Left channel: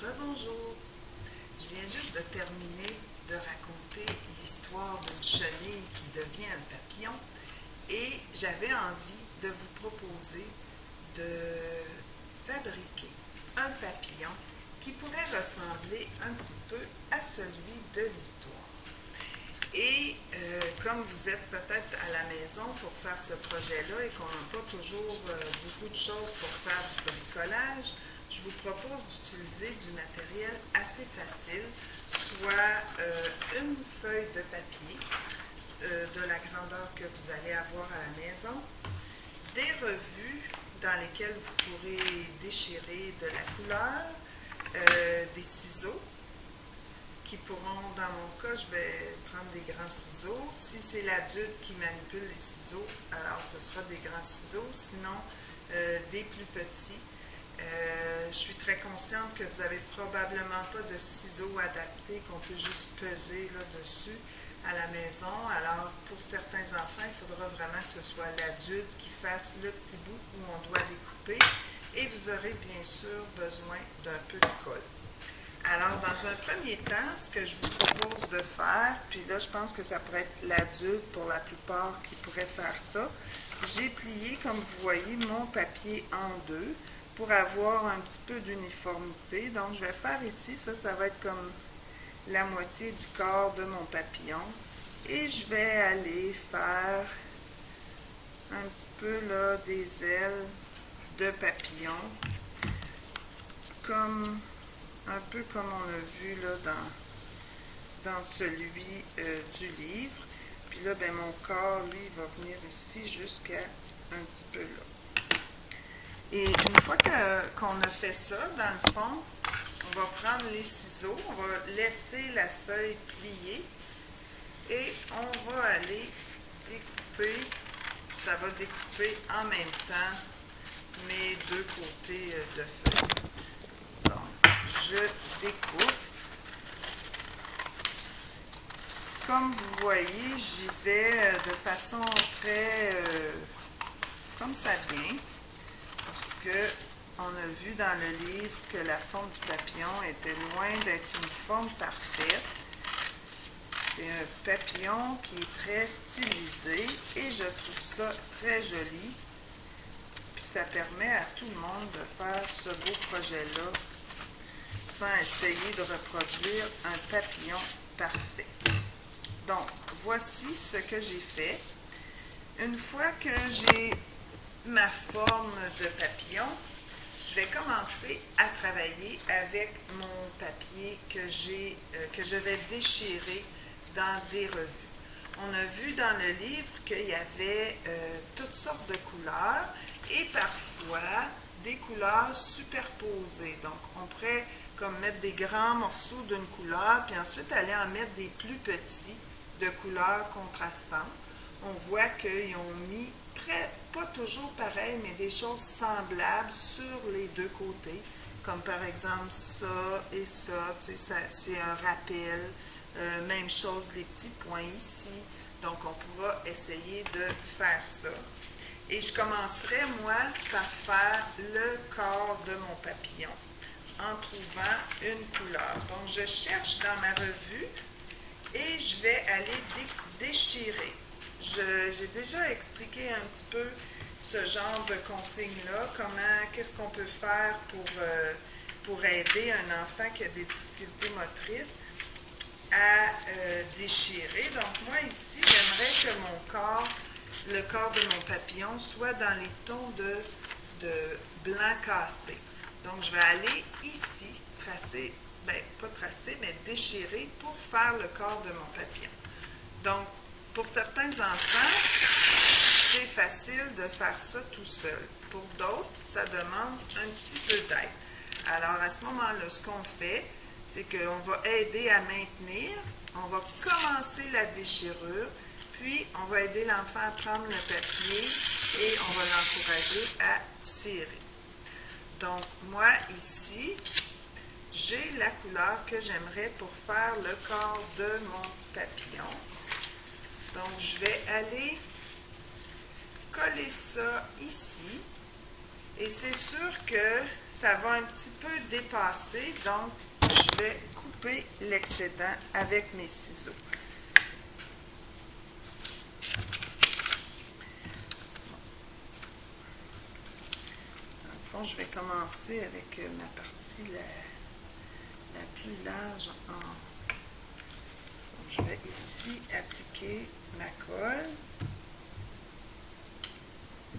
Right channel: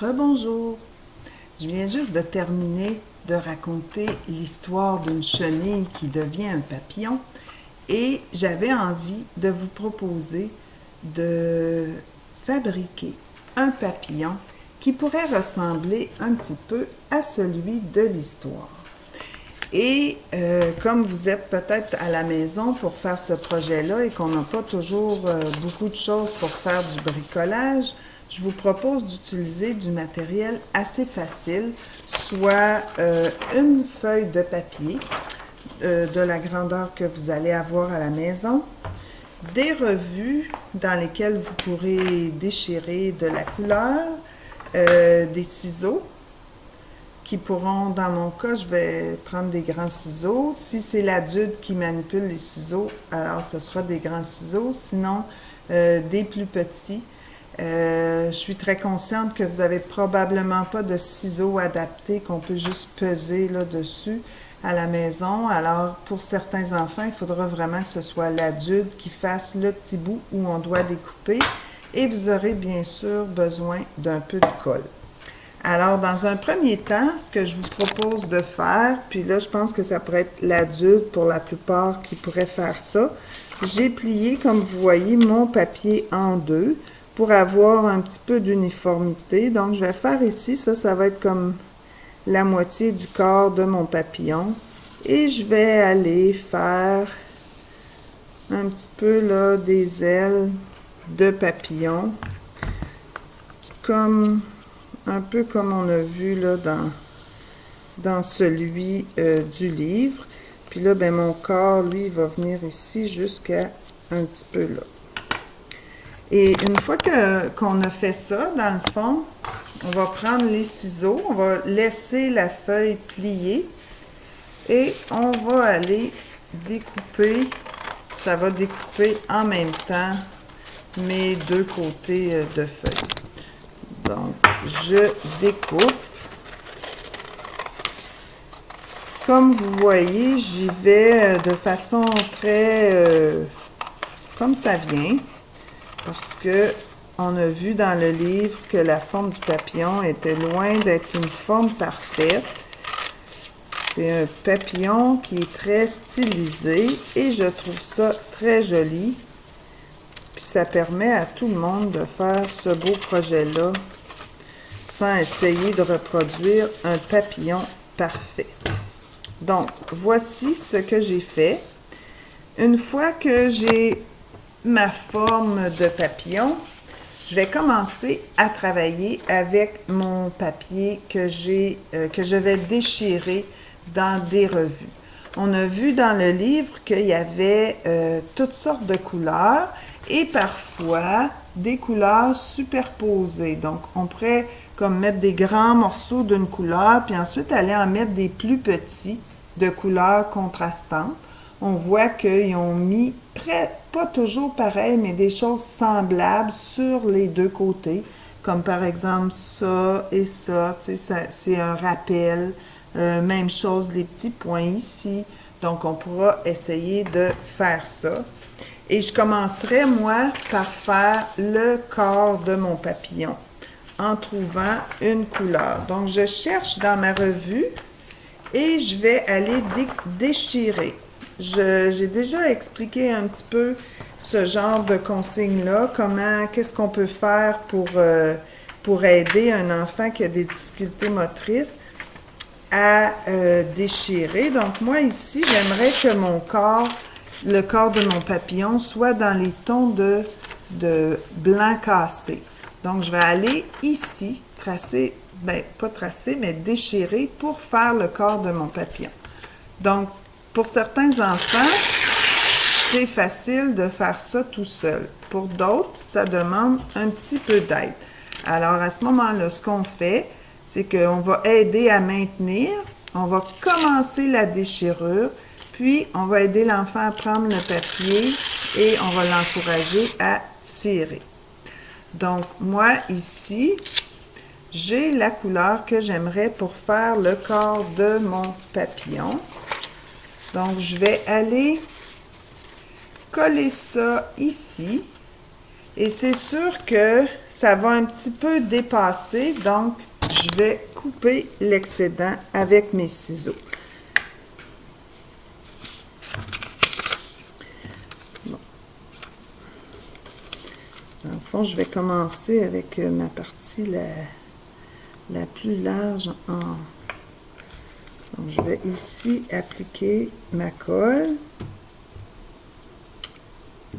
Rebonjour! Je viens juste de terminer de raconter l'histoire d'une chenille qui devient un papillon et j'avais envie de vous proposer de fabriquer un papillon qui pourrait ressembler un petit peu à celui de l'histoire. Et comme vous êtes peut-être à la maison pour faire ce projet-là et qu'on n'a pas toujours beaucoup de choses pour faire du bricolage, je vous propose d'utiliser du matériel assez facile, soit une feuille de papier de la grandeur que vous allez avoir à la maison, des revues dans lesquelles vous pourrez déchirer de la couleur, des ciseaux qui pourront, dans mon cas, je vais prendre des grands ciseaux. Si c'est l'adulte qui manipule les ciseaux, alors ce sera des grands ciseaux, sinon des plus petits. Je suis très consciente que vous n'avez probablement pas de ciseaux adaptés qu'on peut juste peser là-dessus à la maison. Alors, pour certains enfants, il faudra vraiment que ce soit l'adulte qui fasse le petit bout où on doit découper. Et vous aurez bien sûr besoin d'un peu de colle. Alors, dans un premier temps, ce que je vous propose de faire, puis là, je pense que ça pourrait être l'adulte pour la plupart qui pourrait faire ça, j'ai plié, comme vous voyez, mon papier en deux pour avoir un petit peu d'uniformité. Donc, je vais faire ici, ça va être comme la moitié du corps de mon papillon. Et je vais aller faire un petit peu là des ailes de papillon, comme un peu comme on a vu là dans celui du livre. Puis là, ben, mon corps, lui, va venir ici jusqu'à un petit peu là. Et une fois qu'on a fait ça, dans le fond, on va prendre les ciseaux, on va laisser la feuille plier et on va aller découper. Ça va découper en même temps mes deux côtés de feuille. Donc, je découpe. Comme vous voyez, j'y vais de façon très comme ça vient, parce que on a vu dans le livre que la forme du papillon était loin d'être une forme parfaite. C'est un papillon qui est très stylisé et je trouve ça très joli. Puis ça permet à tout le monde de faire ce beau projet-là sans essayer de reproduire un papillon parfait. Donc, voici ce que j'ai fait. Une fois que j'ai ma forme de papillon, je vais commencer à travailler avec mon papier que je vais déchirer dans des revues. On a vu dans le livre qu'il y avait toutes sortes de couleurs et parfois des couleurs superposées. Donc, on pourrait comme mettre des grands morceaux d'une couleur, puis ensuite aller en mettre des plus petits de couleurs contrastantes. On voit qu'ils ont mis pas toujours pareil, mais des choses semblables sur les deux côtés, comme par exemple ça et ça, c'est un rappel. Même chose, les petits points ici. Donc, on pourra essayer de faire ça. Et je commencerai, moi, par faire le corps de mon papillon en trouvant une couleur. Donc, je cherche dans ma revue et je vais aller déchirer. J'ai déjà expliqué un petit peu ce genre de consigne-là, qu'est-ce qu'on peut faire pour aider un enfant qui a des difficultés motrices à déchirer. Donc, moi, ici, j'aimerais que le corps de mon papillon, soit dans les tons de blanc cassé. Donc, je vais aller ici, tracer, pas tracer, mais déchirer pour faire le corps de mon papillon. Donc, pour certains enfants, c'est facile de faire ça tout seul. Pour d'autres, ça demande un petit peu d'aide. Alors, à ce moment-là, ce qu'on fait, c'est qu'on va aider à maintenir, on va commencer la déchirure, puis on va aider l'enfant à prendre le papier et on va l'encourager à tirer. Donc, moi, ici, j'ai la couleur que j'aimerais pour faire le corps de mon papillon. Donc, je vais aller coller ça ici Et c'est sûr que ça va un petit peu dépasser, donc je vais couper l'excédent avec mes ciseaux. Bon. Dans le fond, je vais commencer avec ma partie la plus large en... Donc, je vais ici appliquer ma colle,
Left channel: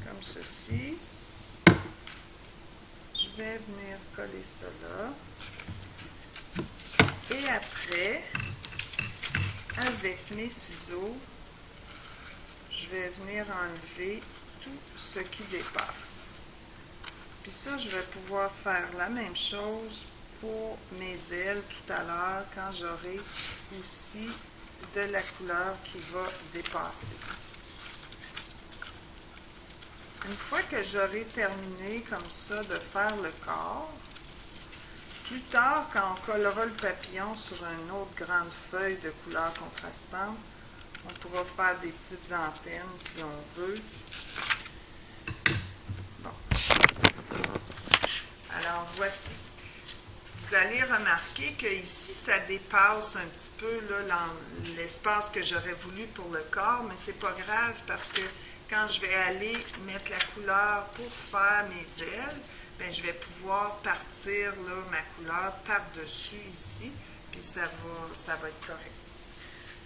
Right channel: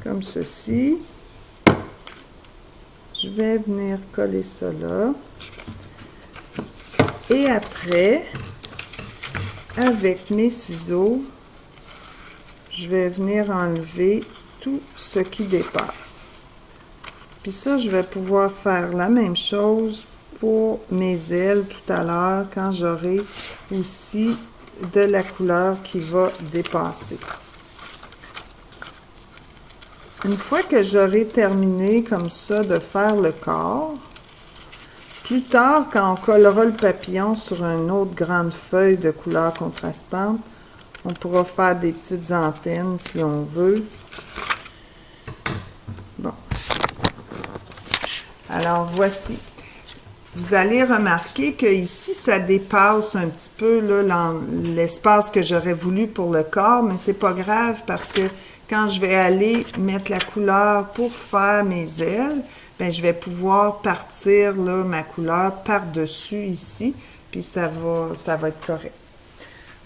comme ceci. Je vais venir coller ça là. Et après, avec mes ciseaux, je vais venir enlever tout ce qui dépasse. Puis ça, je vais pouvoir faire la même chose pour mes ailes tout à l'heure quand j'aurai aussi de la couleur qui va dépasser. Une fois que j'aurai terminé comme ça de faire le corps, plus tard, quand on collera le papillon sur une autre grande feuille de couleur contrastante, on pourra faire des petites antennes si on veut. Bon. Alors, voici. Vous allez remarquer que ici, ça dépasse un petit peu l'espace que j'aurais voulu pour le corps, mais c'est pas grave parce que quand je vais aller mettre la couleur pour faire mes ailes, bien, je vais pouvoir partir là, ma couleur par-dessus ici, puis ça va être correct.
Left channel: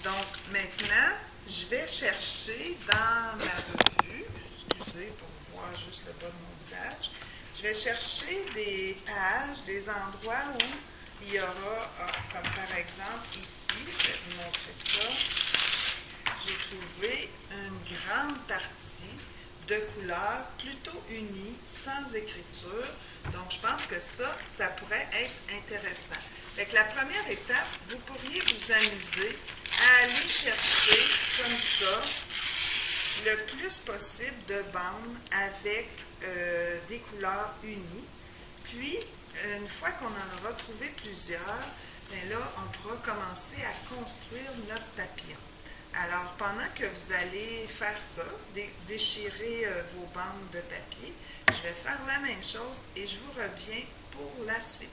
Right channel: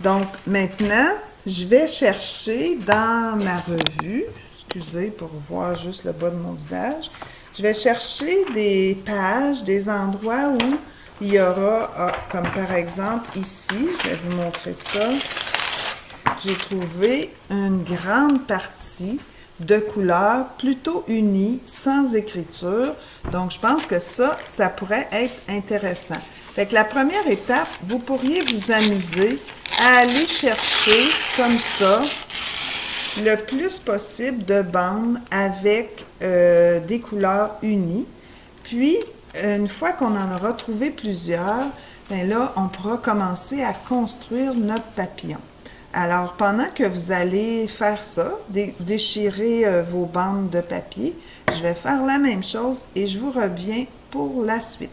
Donc, maintenant, je vais chercher dans ma revue, excusez pour voir juste le bas de mon visage, je vais chercher des pages, des endroits où il y aura, comme par exemple ici, je vais vous montrer ça, j'ai trouvé une grande partie de couleurs plutôt unies, sans écriture. Donc, je pense que ça pourrait être intéressant. Fait que la première étape, vous pourriez vous amuser à aller chercher comme ça le plus possible de bandes avec des couleurs unies. Puis, une fois qu'on en aura trouvé plusieurs, bien là, on pourra commencer à construire notre papillon. Alors, pendant que vous allez faire ça, déchirer vos bandes de papier, je vais faire la même chose et je vous reviens pour la suite.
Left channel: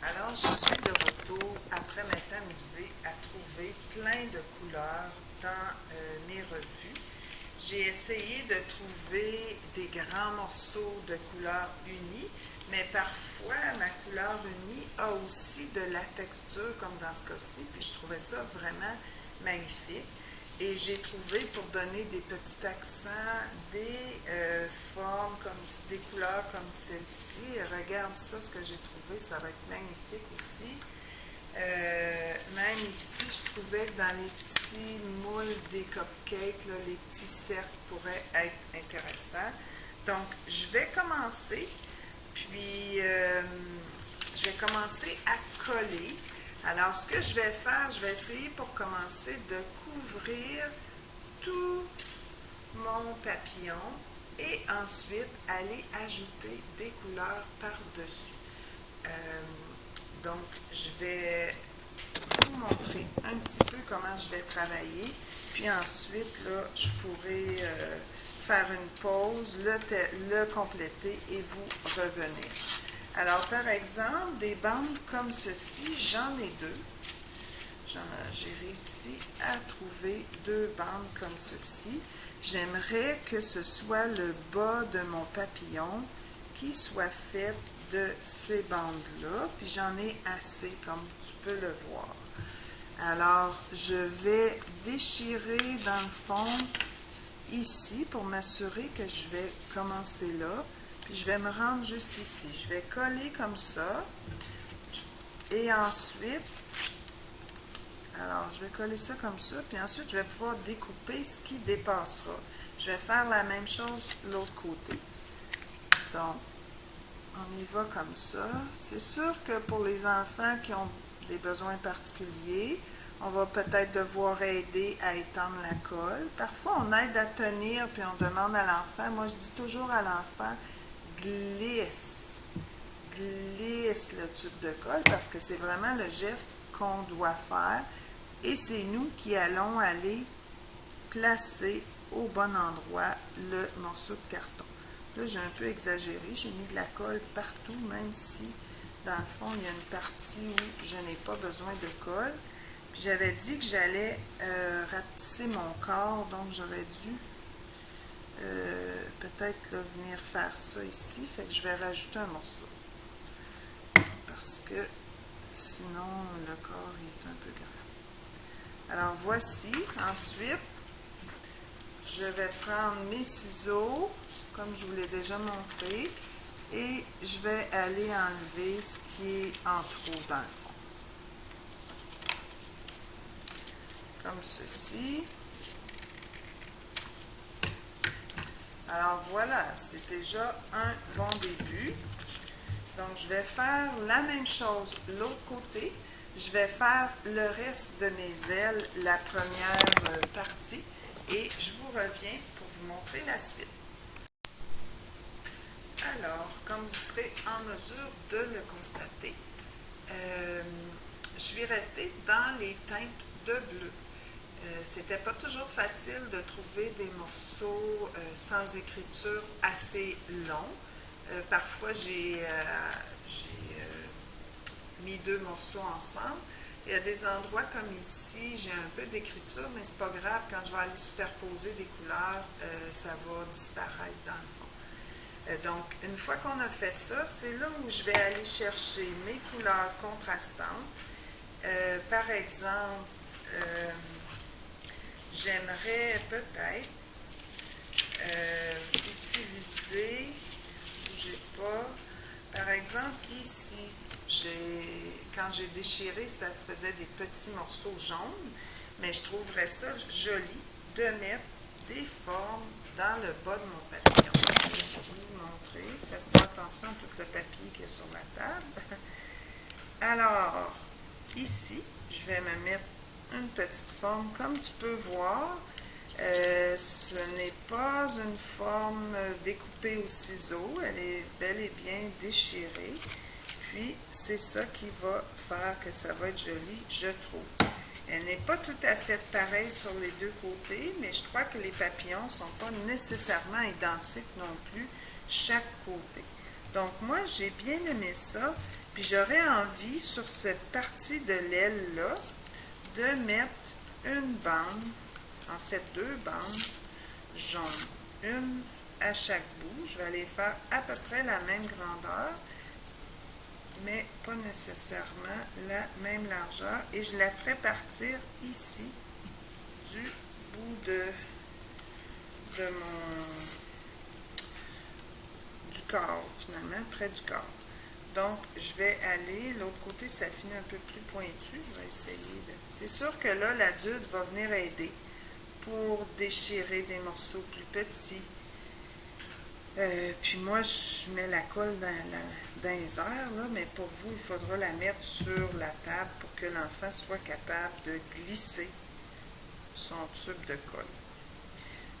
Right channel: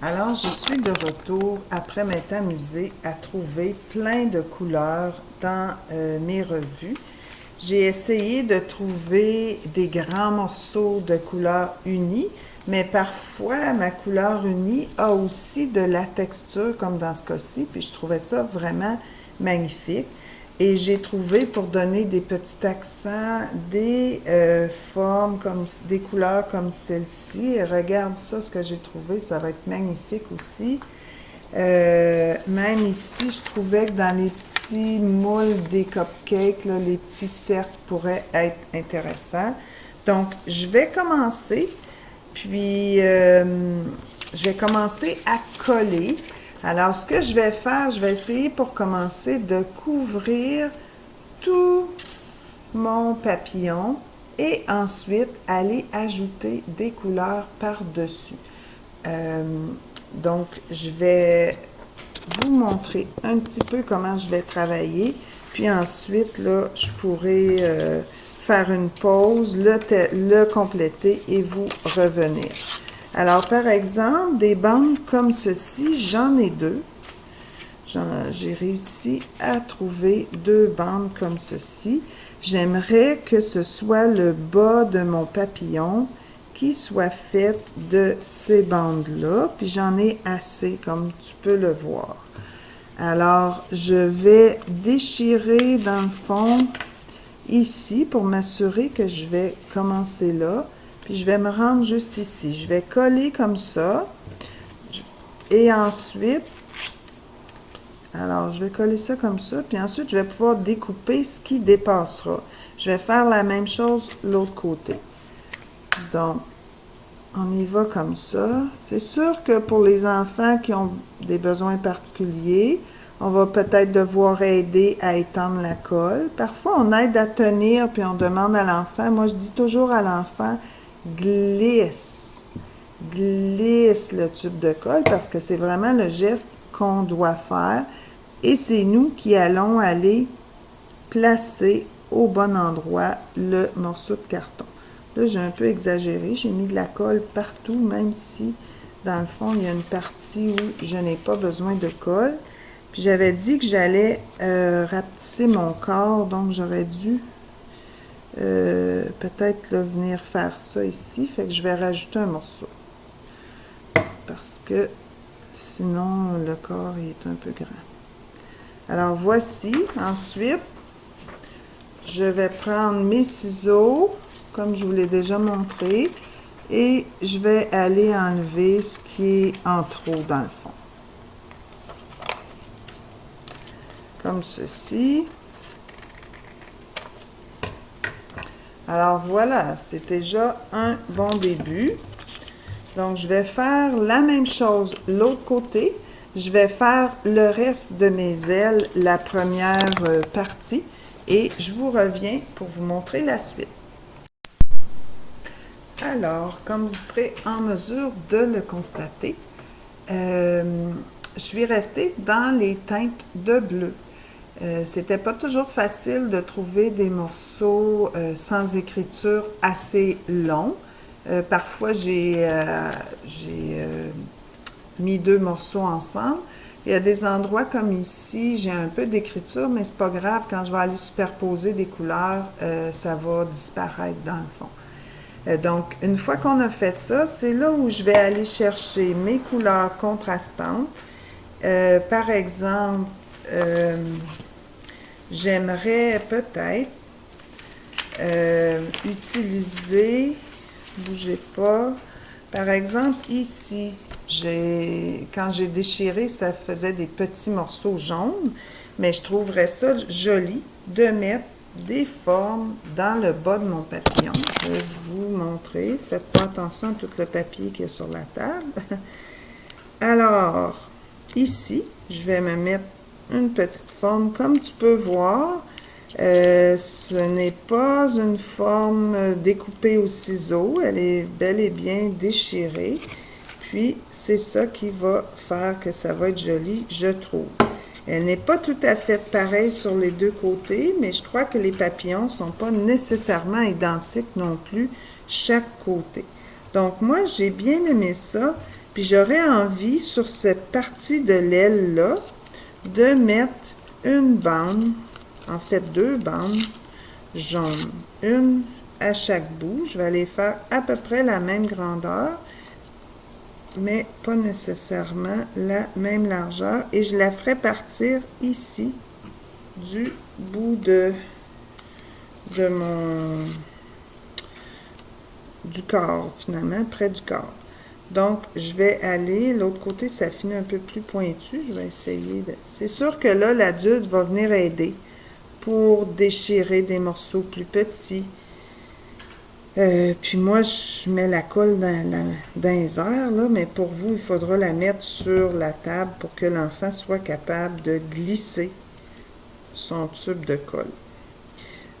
Alors, je suis de retour après m'être amusée à trouver plein de couleurs dans mes revues. J'ai essayé de trouver des grands morceaux de couleurs unies, mais parfois ma couleur unie a aussi de la texture, comme dans ce cas-ci, puis je trouvais ça vraiment magnifique. Et j'ai trouvé, pour donner des petits accents, des formes, comme des couleurs comme celle-ci. Regarde ça, ce que j'ai trouvé, ça va être magnifique aussi. Même ici, je trouvais que dans les petits moules des cupcakes, là, les petits cercles pourraient être intéressants. Donc, je vais commencer, puis je vais commencer à coller. Alors, ce que je vais faire, je vais essayer pour commencer de couvrir tout mon papillon et ensuite aller ajouter des couleurs par-dessus. Donc, je vais vous montrer un petit peu comment je vais travailler. Puis ensuite, là, je pourrai faire une pause, le compléter et vous revenir. Alors, par exemple, des bandes comme ceci, j'en ai deux. J'ai réussi à trouver deux bandes comme ceci. J'aimerais que ce soit le bas de mon papillon qui soit fait de ces bandes-là. Puis j'en ai assez, comme tu peux le voir. Alors, je vais déchirer dans le fond ici pour m'assurer que je vais commencer là. Puis je vais me rendre juste ici. Je vais coller comme ça. Et ensuite, alors je vais coller ça comme ça. Puis ensuite, je vais pouvoir découper ce qui dépassera. Je vais faire la même chose de l'autre côté. Donc, on y va comme ça. C'est sûr que pour les enfants qui ont des besoins particuliers, on va peut-être devoir aider à étendre la colle. Parfois, on aide à tenir, puis on demande à l'enfant. Moi, je dis toujours à l'enfant, glisse le tube de colle, parce que c'est vraiment le geste qu'on doit faire. Et c'est nous qui allons aller placer au bon endroit le morceau de carton. Là, j'ai un peu exagéré. J'ai mis de la colle partout, même si, dans le fond, il y a une partie où je n'ai pas besoin de colle. Puis j'avais dit que j'allais rapetisser mon corps, donc j'aurais dû peut-être là, venir faire ça ici. Fait que je vais rajouter un morceau. Parce que sinon, le corps est un peu grand. Alors voici. Ensuite, je vais prendre mes ciseaux, comme je vous l'ai déjà montré, et je vais aller enlever ce qui est en trop dans le fond. Comme ceci. Alors voilà, c'est déjà un bon début. Donc je vais faire la même chose l'autre côté. Je vais faire le reste de mes ailes, la première partie, et je vous reviens pour vous montrer la suite. Alors, comme vous serez en mesure de le constater, je suis restée dans les teintes de bleu. C'était pas toujours facile de trouver des morceaux sans écriture assez longs. Parfois, j'ai mis deux morceaux ensemble. Il y a des endroits comme ici, j'ai un peu d'écriture, mais c'est pas grave. Quand je vais aller superposer des couleurs, ça va disparaître dans le fond. Donc, une fois qu'on a fait ça, c'est là où je vais aller chercher mes couleurs contrastantes. Par exemple, j'aimerais peut-être utiliser, bougez pas, par exemple ici, quand j'ai déchiré, ça faisait des petits morceaux jaunes, mais je trouverais ça joli de mettre des formes dans le bas de mon papillon. Je vais vous montrer. Faites pas attention à tout le papier qui est sur la table. Alors, ici, je vais me mettre une petite forme. Comme tu peux voir, ce n'est pas une forme découpée au ciseau. Elle est bel et bien déchirée. Puis, c'est ça qui va faire que ça va être joli, je trouve. Elle n'est pas tout à fait pareille sur les deux côtés, mais je crois que les papillons ne sont pas nécessairement identiques non plus, chaque côté. Donc, moi, j'ai bien aimé ça. Puis, j'aurais envie, sur cette partie de l'aile-là, de mettre une bande, en fait deux bandes jaunes. Une à chaque bout. Je vais les faire à peu près la même grandeur, mais pas nécessairement la même largeur. Et je la ferai partir ici, du bout du corps, finalement, près du corps. Donc, je vais aller, l'autre côté, ça finit un peu plus pointu. Je vais essayer de... C'est sûr que là, l'adulte va venir aider pour déchirer des morceaux plus petits. Puis moi, je mets la colle dans les airs, là, mais pour vous, il faudra la mettre sur la table pour que l'enfant soit capable de glisser son tube de colle.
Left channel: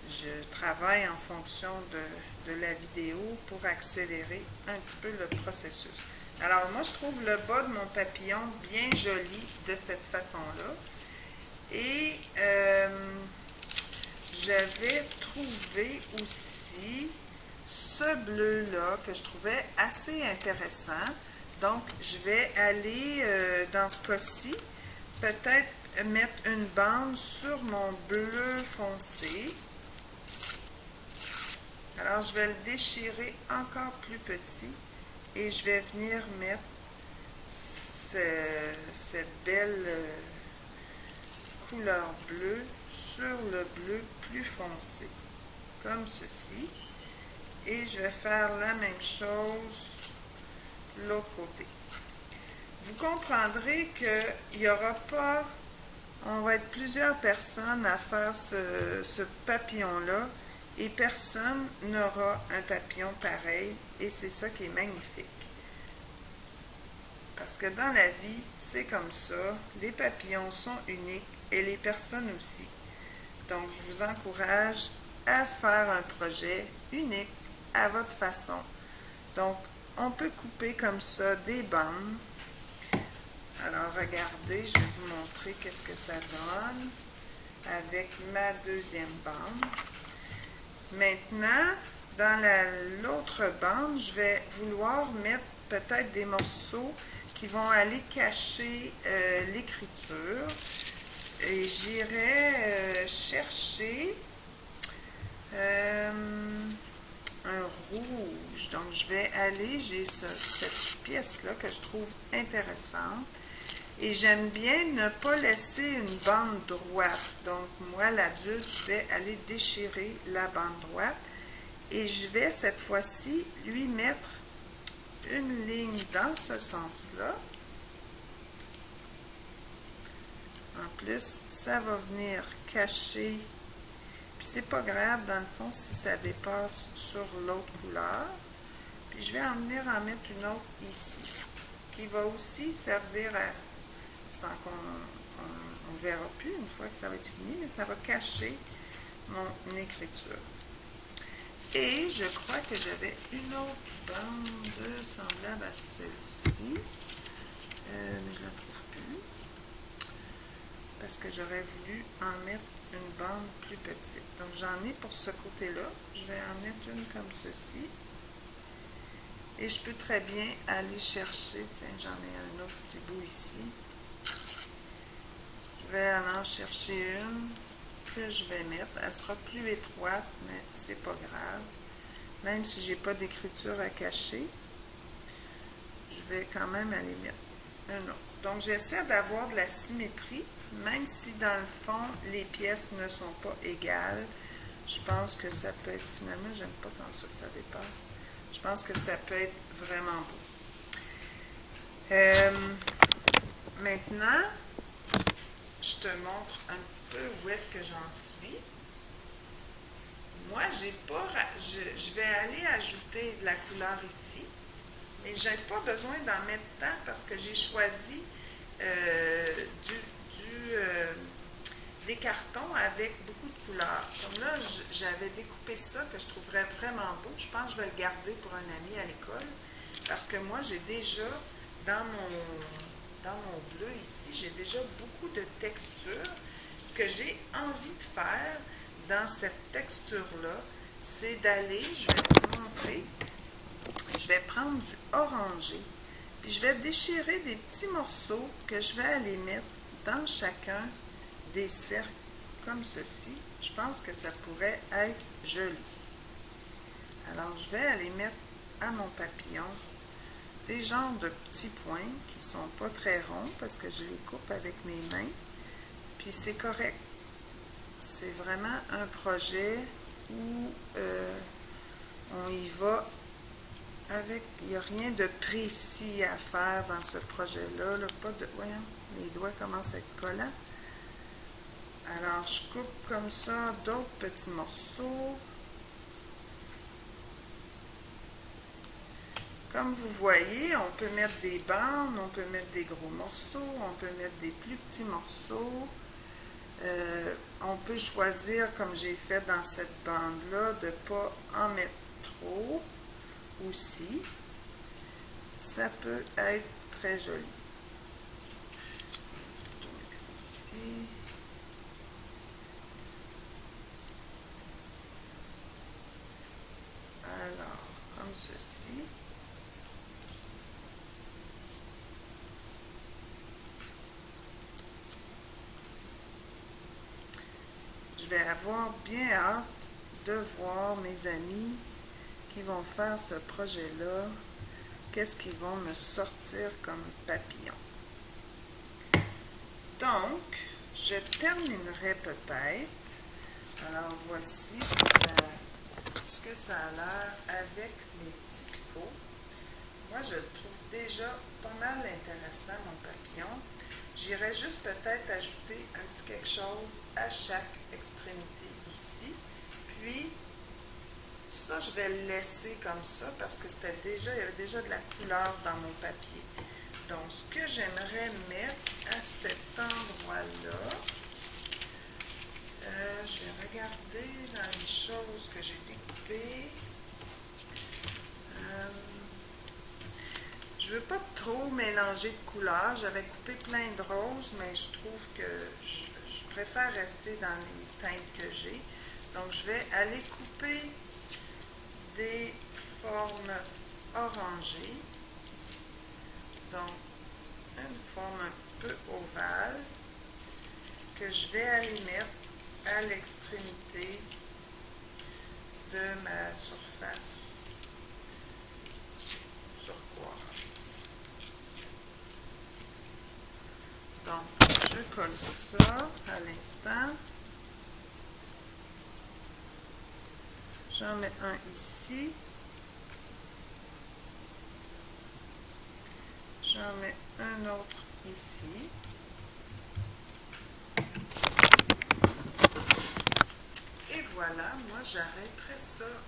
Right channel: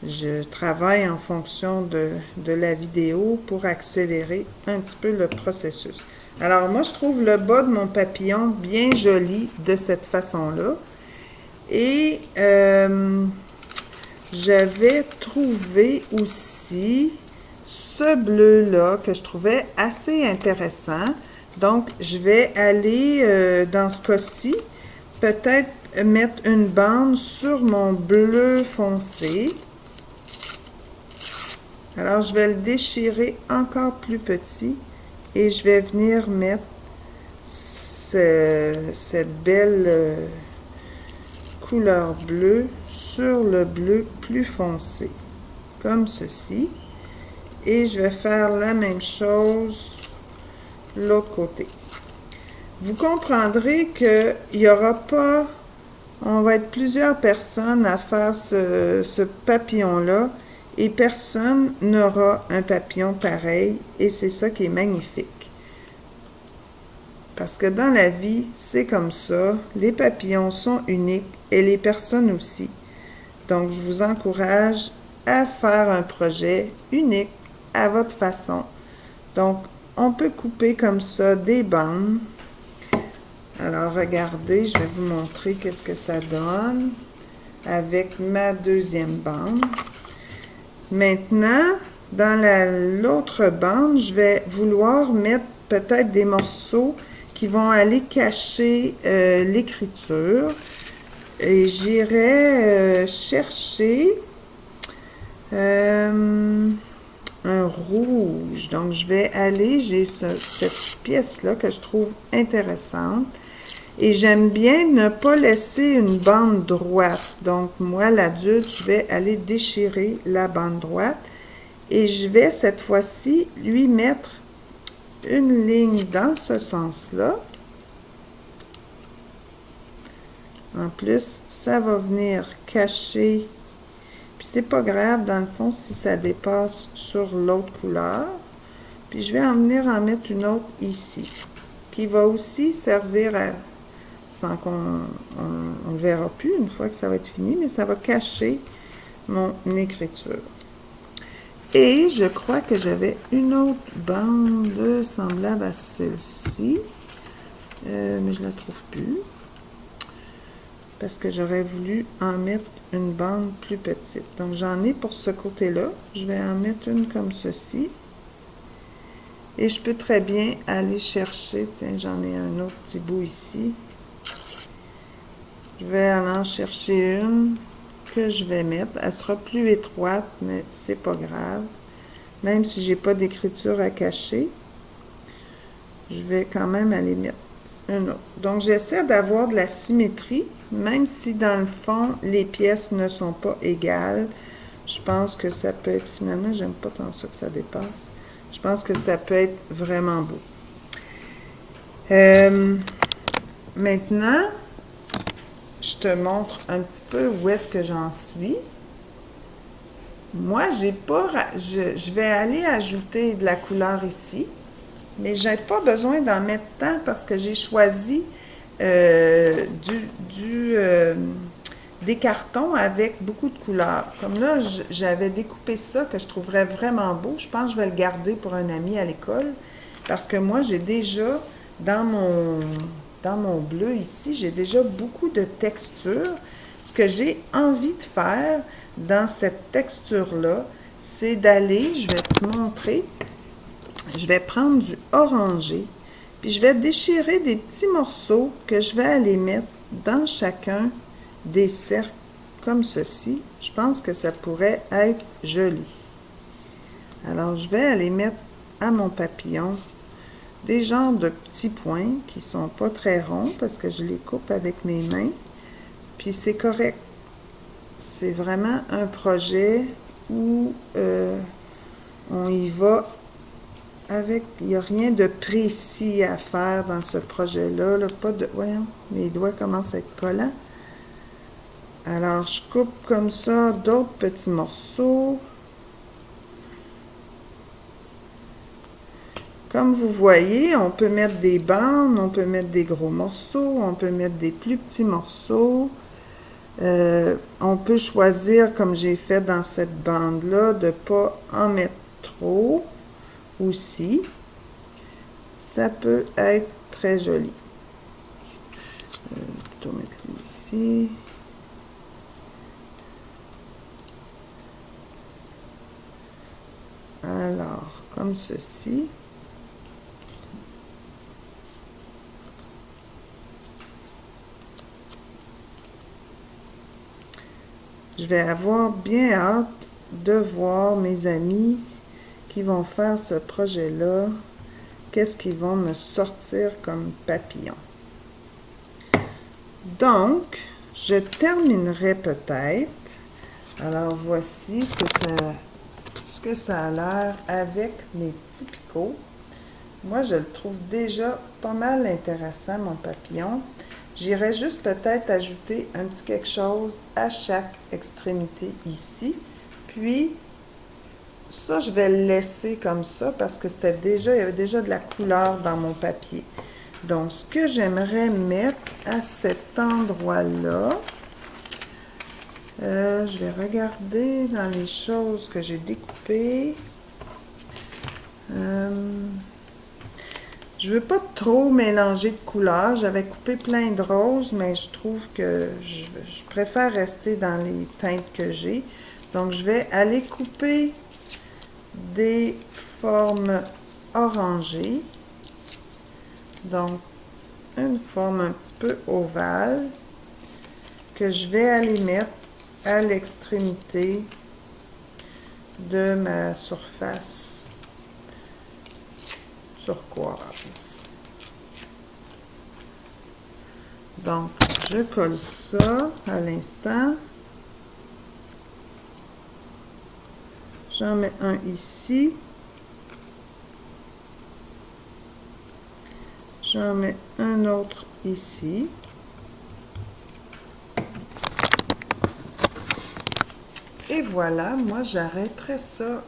Je travaille en fonction de la vidéo pour accélérer un petit peu le processus. Alors moi, je trouve le bas de mon papillon bien joli de cette façon-là. Et j'avais trouvé aussi ce bleu-là que je trouvais assez intéressant. Donc, je vais aller, dans ce cas-ci, peut-être mettre une bande sur mon bleu foncé. Alors, je vais le déchirer encore plus petit et je vais venir mettre cette belle couleur bleue sur le bleu plus foncé, comme ceci. Et je vais faire la même chose de l'autre côté. Vous comprendrez qu'il n'y aura pas, on va être plusieurs personnes à faire ce papillon-là et personne n'aura un papillon pareil et c'est ça qui est magnifique. Parce que dans la vie, c'est comme ça, les papillons sont uniques et les personnes aussi. Donc, je vous encourage à faire un projet unique à votre façon. Donc, on peut couper comme ça des bandes. Alors, regardez, je vais vous montrer qu'est-ce que ça donne avec ma deuxième bande. Maintenant, Dans l'autre bande, je vais vouloir mettre peut-être des morceaux qui vont aller cacher l'écriture. Et j'irai chercher un rouge. Donc, je vais aller, j'ai cette pièce-là que je trouve intéressante. Et j'aime bien ne pas laisser une bande droite. Donc, moi, l'adulte, je vais aller déchirer la bande droite. Et je vais, cette fois-ci, lui mettre une ligne dans ce sens-là. En plus, ça va venir cacher. Puis c'est pas grave, dans le fond, si ça dépasse sur l'autre couleur. Puis je vais en venir en mettre une autre ici. Qui va aussi servir à, sans qu'on on verra plus une fois que ça va être fini, mais ça va cacher mon écriture. Et je crois que j'avais une autre bande semblable à celle-ci, mais je ne la trouve plus. Parce que j'aurais voulu en mettre une bande plus petite. Donc j'en ai pour ce côté-là. Je vais en mettre une comme ceci. Et je peux très bien aller chercher, tiens, j'en ai un autre petit bout ici. Je vais aller en chercher une que je vais mettre. Elle sera plus étroite, mais c'est pas grave. Même si j'ai pas d'écriture à cacher, je vais quand même aller mettre une autre. Donc j'essaie d'avoir de la symétrie, même si dans le fond, les pièces ne sont pas égales. Je pense que ça peut être, finalement, j'aime pas tant ça que ça dépasse. Je pense que ça peut être vraiment beau. Maintenant, je te montre un petit peu où est-ce que j'en suis. Moi, j'ai pas, je vais aller ajouter de la couleur ici, mais j'ai pas besoin d'en mettre tant parce que j'ai choisi des cartons avec beaucoup de couleurs. Comme là, j'avais découpé ça que je trouverais vraiment beau. Je pense que je vais le garder pour un ami à l'école parce que moi, j'ai déjà, dans mon bleu ici, j'ai déjà beaucoup de textures. Ce que j'ai envie de faire dans cette texture-là, c'est d'aller, je vais te montrer, je vais prendre du orangé, puis je vais déchirer des petits morceaux que je vais aller mettre dans chacun des cercles comme ceci. Je pense que ça pourrait être joli. Alors, je vais aller mettre à mon papillon des genres de petits points qui sont pas très ronds parce que je les coupe avec mes mains. Puis c'est correct. C'est vraiment un projet où on y va avec, il n'y a rien de précis à faire dans ce projet-là. Là, pas de, voyons, mes doigts commencent à être collants. Alors, je coupe comme ça d'autres petits morceaux. Comme vous voyez, on peut mettre des bandes, on peut mettre des gros morceaux, on peut mettre des plus petits morceaux. On peut choisir, comme j'ai fait dans cette bande-là, de ne pas en mettre trop aussi. Ça peut être très joli. Je vais plutôt mettre ici. Alors, comme ceci. Je vais avoir bien hâte de voir mes amis qui vont faire ce projet-là. Qu'est-ce qu'ils vont me sortir comme papillon. Donc, je terminerai peut-être. Alors, voici ce que ça a l'air avec mes petits picots. Moi, je le trouve déjà pas mal intéressant, mon papillon. J'irai juste peut-être ajouter un petit quelque chose à chaque extrémité ici. Puis, ça, je vais le laisser comme ça parce que il y avait déjà de la couleur dans mon papier. Donc, ce que j'aimerais mettre à cet endroit-là, je vais regarder dans les choses que j'ai découpées. Je ne veux pas trop mélanger de couleurs. J'avais coupé plein de roses, mais je trouve que je préfère rester dans les teintes que j'ai. Donc, je vais aller couper des formes orangées. Donc, une forme un petit peu ovale que je vais aller mettre à l'extrémité de ma surface turquoise. Donc, je colle ça à l'instant. J'en mets un ici. J'en mets un autre ici. Et voilà, moi j'arrêterai ça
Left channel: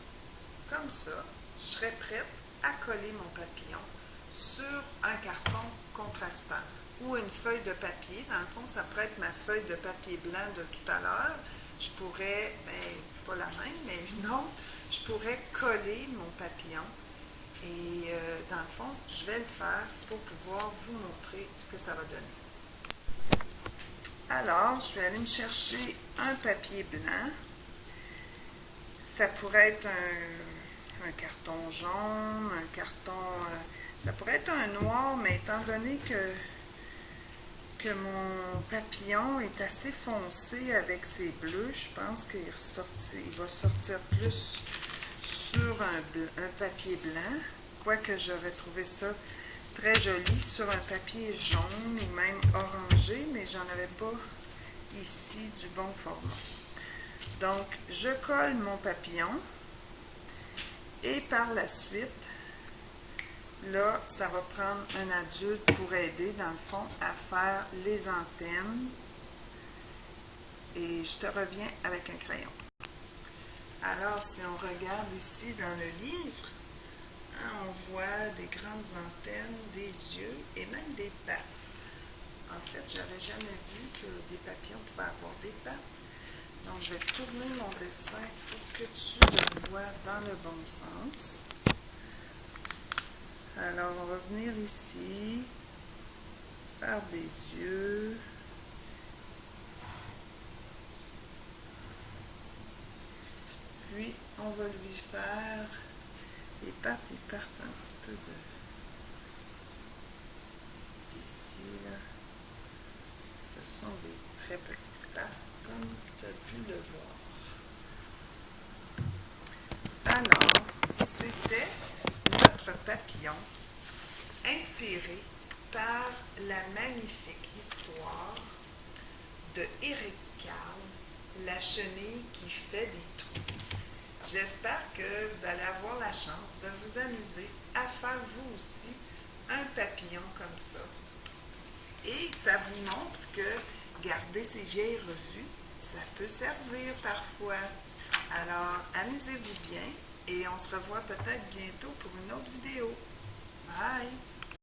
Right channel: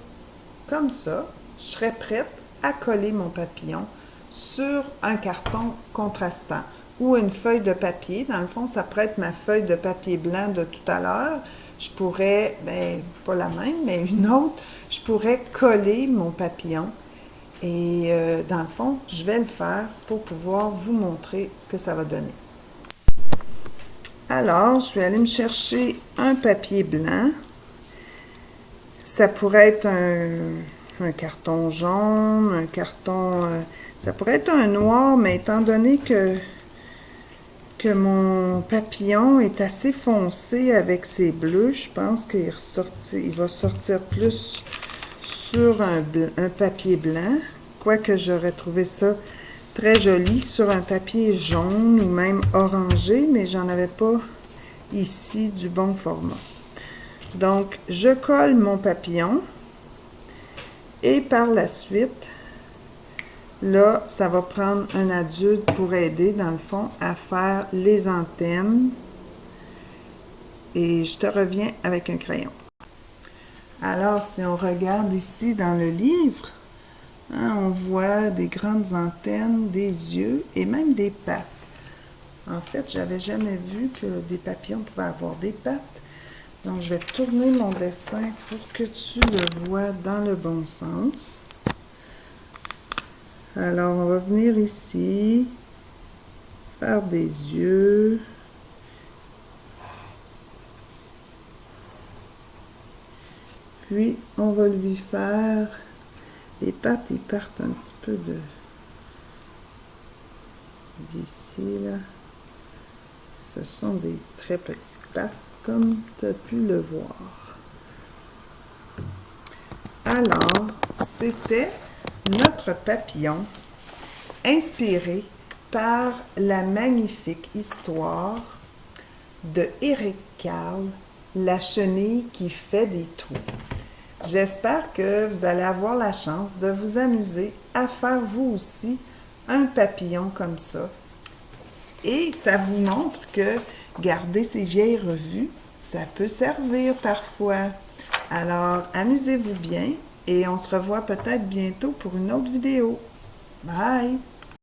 comme ça. Je serai prête à coller mon papillon sur un carton contrastant ou une feuille de papier. Dans le fond, ça pourrait être ma feuille de papier blanc de tout à l'heure. Je pourrais, pas la même, mais une autre, je pourrais coller mon papillon. Et dans le fond, je vais le faire pour pouvoir vous montrer ce que ça va donner. Alors, je vais aller me chercher un papier blanc. Ça pourrait être un carton jaune, un carton... ça pourrait être un noir, mais étant donné que mon papillon est assez foncé avec ses bleus, je pense qu'il va sortir plus sur un papier blanc. Quoique j'aurais trouvé ça très joli sur un papier jaune ou même orangé, mais j'en avais pas ici du bon format. Donc, je colle mon papillon et par la suite, là, ça va prendre un adulte pour aider, dans le fond, à faire les antennes. Et je te reviens avec un crayon. Alors, si on regarde ici dans le livre, hein, on voit des grandes antennes, des yeux et même des pattes. En fait, j'avais jamais vu que des papillons pouvaient avoir des pattes. Donc, je vais tourner mon dessin pour que tu le vois dans le bon sens. Alors, on va venir ici, faire des yeux. Puis, on va lui faire les pattes, ils partent un petit peu d'ici, là. Ce sont des très petites pattes, comme tu as pu le voir. Alors, c'était notre papillon inspiré par la magnifique histoire de Éric Carle, La chenille qui fait des trous. J'espère que vous allez avoir la chance de vous amuser à faire vous aussi un papillon comme ça. Et ça vous montre que garder ces vieilles revues, ça peut servir parfois. Alors, amusez-vous bien et on se revoit peut-être bientôt pour une autre vidéo. Bye!